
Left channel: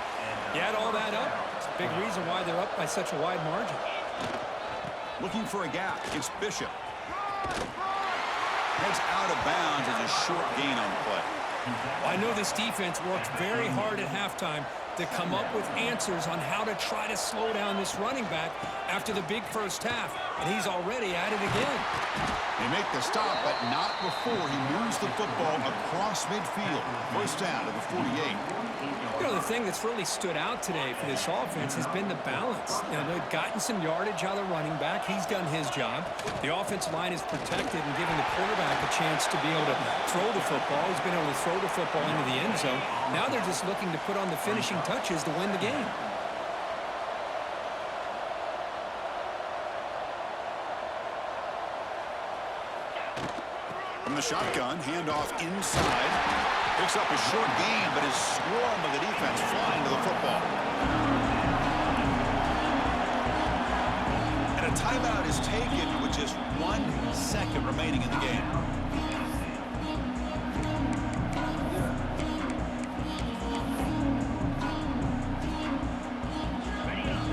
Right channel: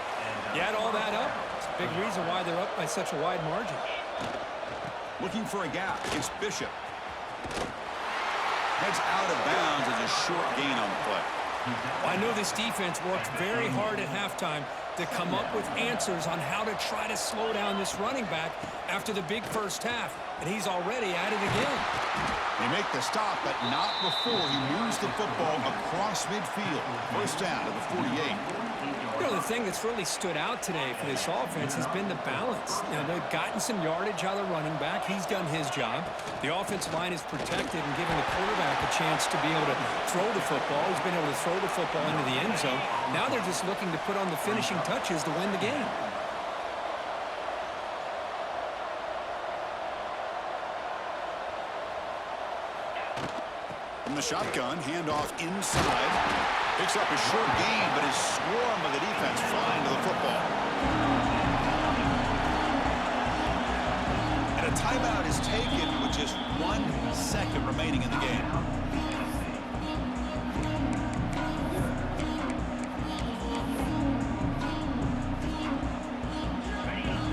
You add all that up, it's a big reason why they're up by such a wide margin. Looking for a gap. It's Bishop. Heads out of bounds as a short gain on the play. Well, I know this defense worked very hard at halftime to come up with answers on how to try to slow down this running back after the big first half, and he's already at it again. They make the stop, but not before he moves the football across midfield. First down to the 48. You know, the thing that's really stood out today for this offense has been the balance. You know, they've gotten some yardage out of the running back. He's done his job. The offensive line is protected and giving the quarterback a chance to be able to throw the football. He's been able to throw the football into the end zone. Now they're just looking to put on the finishing touches to win the game. From the shotgun, handoff inside. Picks up a short gain, but is swarmed by the defense flying to the football. And a timeout is taken with just 1 second remaining in the game.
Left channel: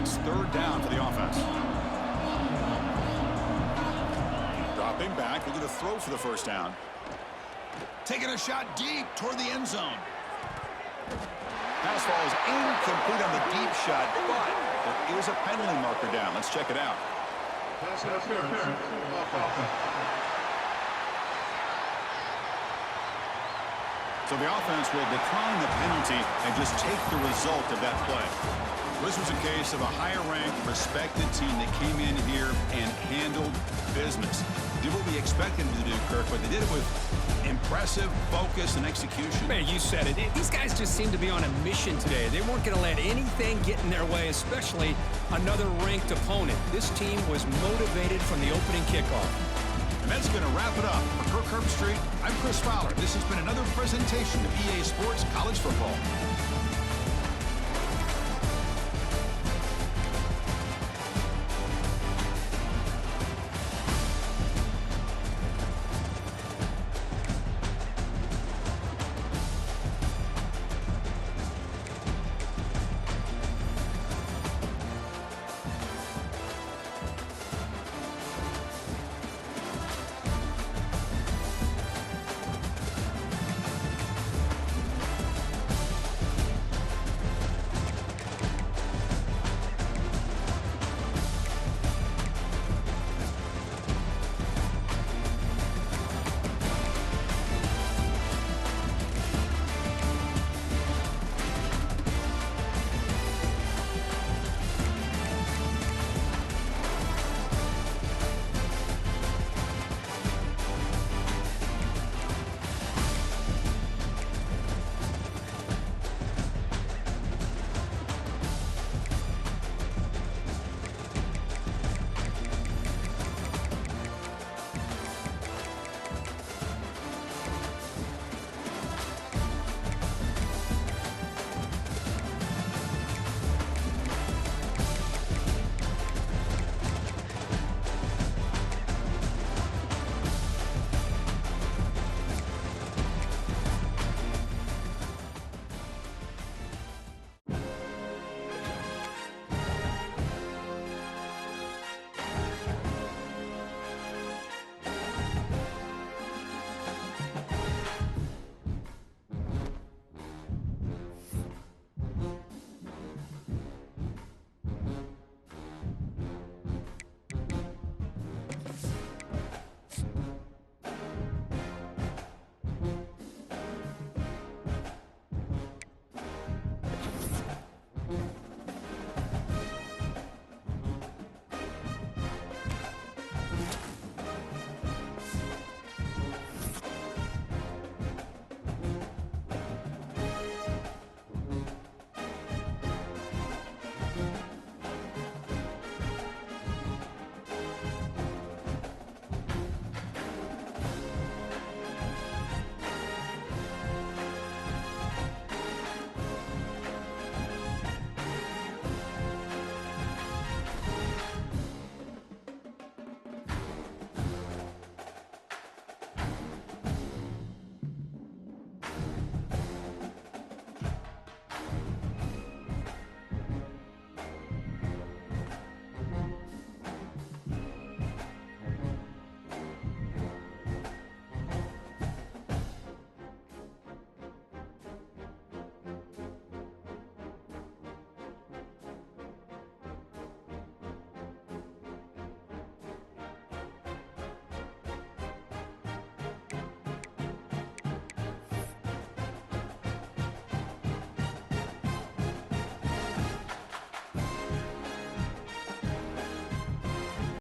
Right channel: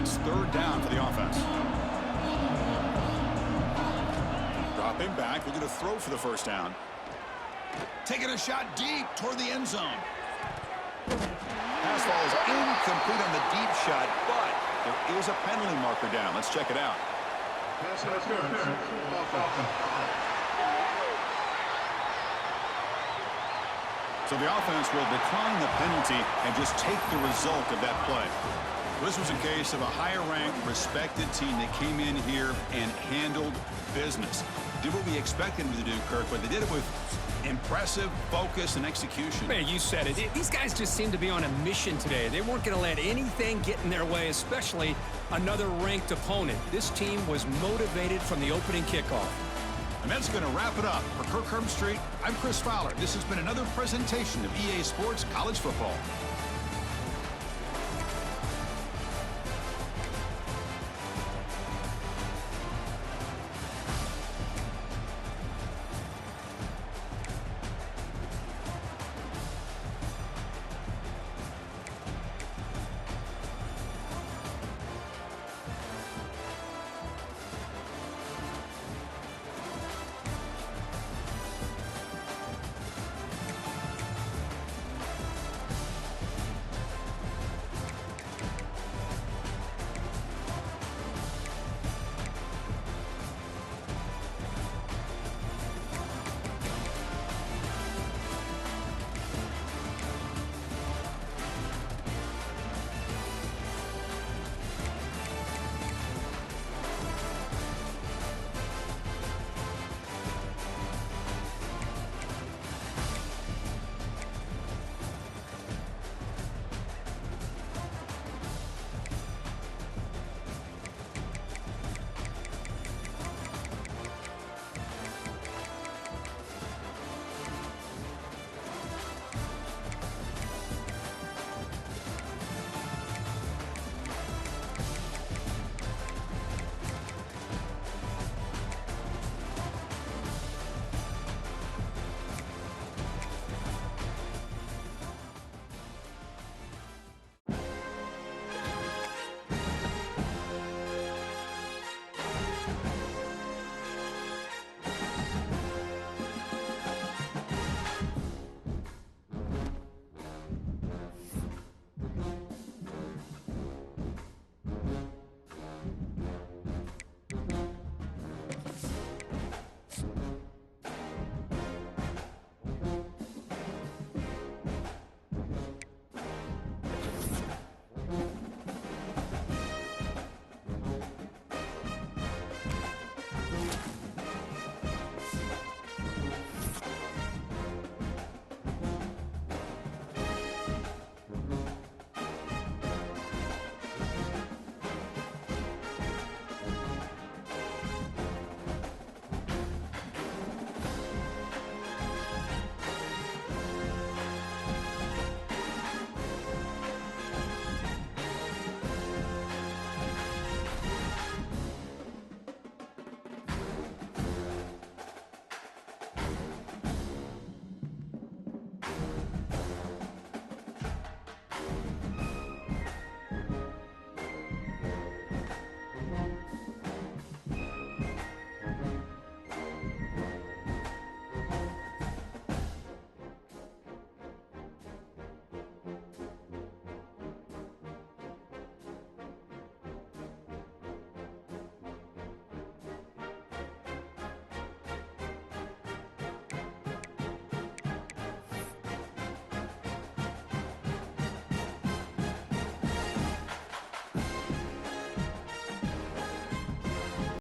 It's third down for the offense. Dropping back, looking to throw for the first down. Taking a shot deep toward the end zone. Pass falls incomplete on the deep shot, but there is a penalty marker down. Let's check it out. Pass interference. Offense. So the offense will decline the penalty and just take the result of that play. This was a case of a higher-ranked, respected team that came in here and handled business. Did what we expected them to do, Kirk, but they did it with impressive focus and execution. Man, you said it. These guys just seem to be on a mission today. They weren't going to let anything get in their way, especially another ranked opponent. This team was motivated from the opening kickoff. And that's going to wrap it up. For Kirk Herbstreit, I'm Chris Fowler. This has been another presentation of EA Sports College Football.